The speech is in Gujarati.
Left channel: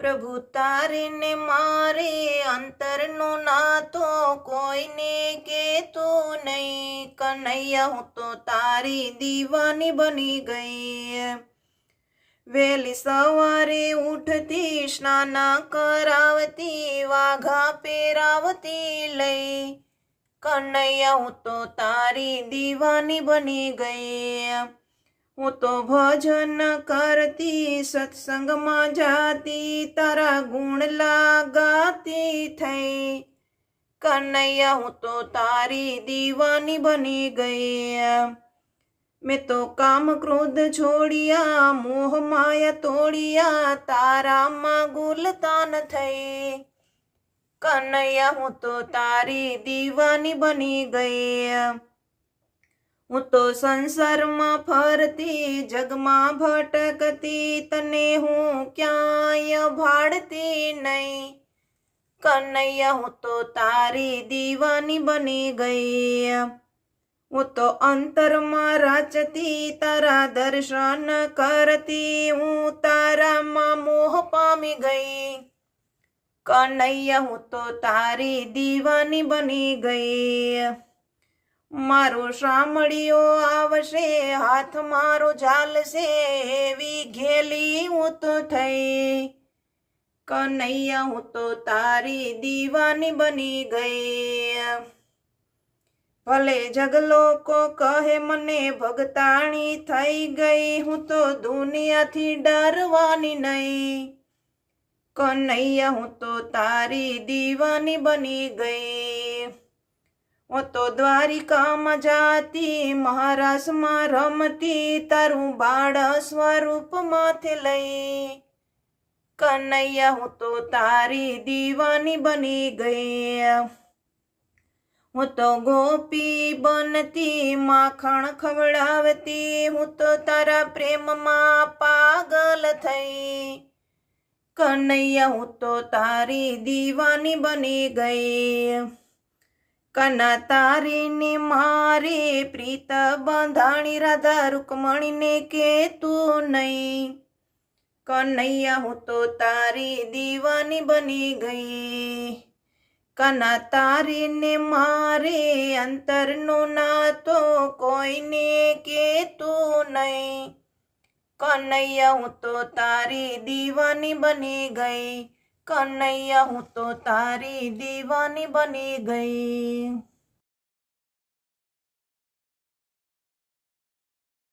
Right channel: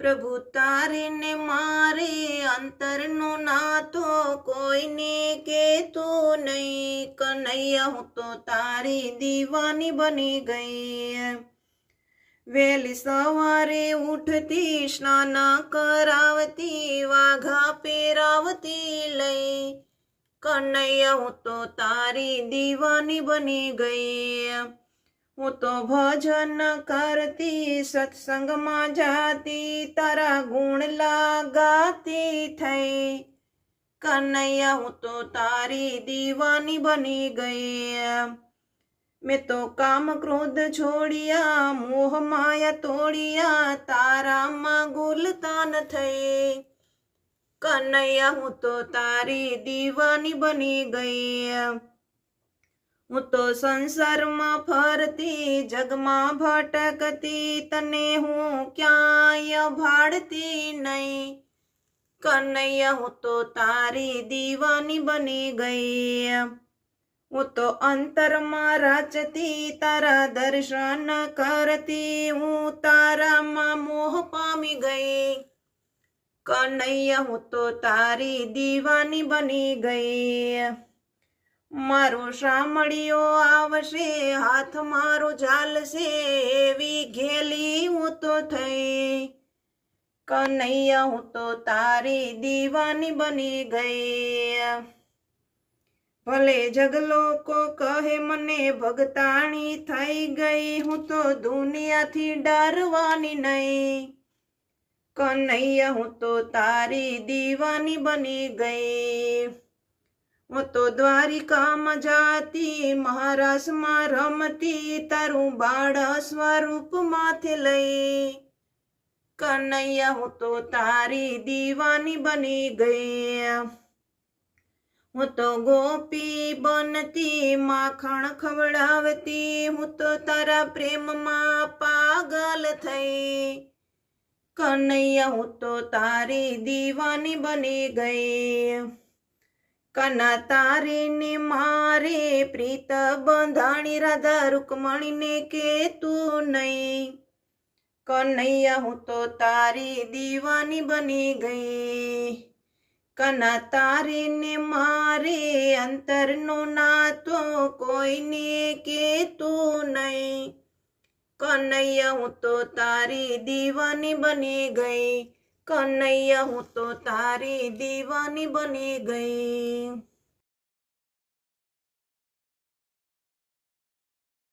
પ્રભુ તારે ને મારે અંતરનો નાતો કોઈને કેતું નહીં. કનૈયા હું તો તારી દીવાની બની ગઈ. વહેલી સવારે ઉઠતી સ્નાન કરાવતી વાઘા પહેરાવતી લઈ. કનૈયા હું તો તારી દીવાની બની ગઈ. હું તો ભજન કરતી સત્સંગમાં જાતી તારા ગુણ ગાતી થઈ. કનૈયા હું તો તારી દીવાની બની ગઈ. મેં તો કામ ક્રોધ છોડ્યા મોહ માયા તોડ્યા તારામાં ગુલતાન થઈ. કનૈયા હું તો તારી દીવાની બની ગઈ. હું તો સંસારમાં ફરતી જગમાં ભટકતી તને હું ક્યાંય ભાડતી નહીં. કનૈયા હું તો તારી દીવાની બની ગઈ. હું તો અંતરમાં રાચતી તારા દર્શન કરતી હું તારામાં મોહ પામી ગઈ. કનૈયા હું તો તારી દીવાની બની ગઈ. મારો સાંભળ્યો આવશે હાથ મારો ઝાલશે એવી ઘેલી હું તો થઈ. કનૈયા હું તો તારી દીવાની બની ગઈ. ભલે જગલોકો કહે મને ભગતાણી થઈ ગઈ હું તો દુનિયાથી ડરવાની નહીં. કનૈયા હું તો તારી દીવાની બની ગઈ. હું તો દ્વારિકામાં જાતી મહારાસમાં રમતી તારું બાળ સ્વરૂપમાંથી લઈ. કનૈયા હું તો તારી દીવાની બની ગઈ. હું તો ગોપી બનતી માખણ ખવડાવતી હું તો તારા પ્રેમમાં પાગલ થઈ. કનૈયા હું તો તારી દીવાની બની ગઈ. કના તારી ને મારે પ્રીત બંધાણી રાધા રૂકમણીને કેતું નહીં. કનૈયા હું તો તારી દીવાની બની ગઈ. કના તારી ને મારે અંતરનો નાતો કોઈને કેતું નહીં. કનૈયા હું તો તારી દીવાની બની ગઈ. કનૈયા હું તો તારી દીવાની બની ગઈ.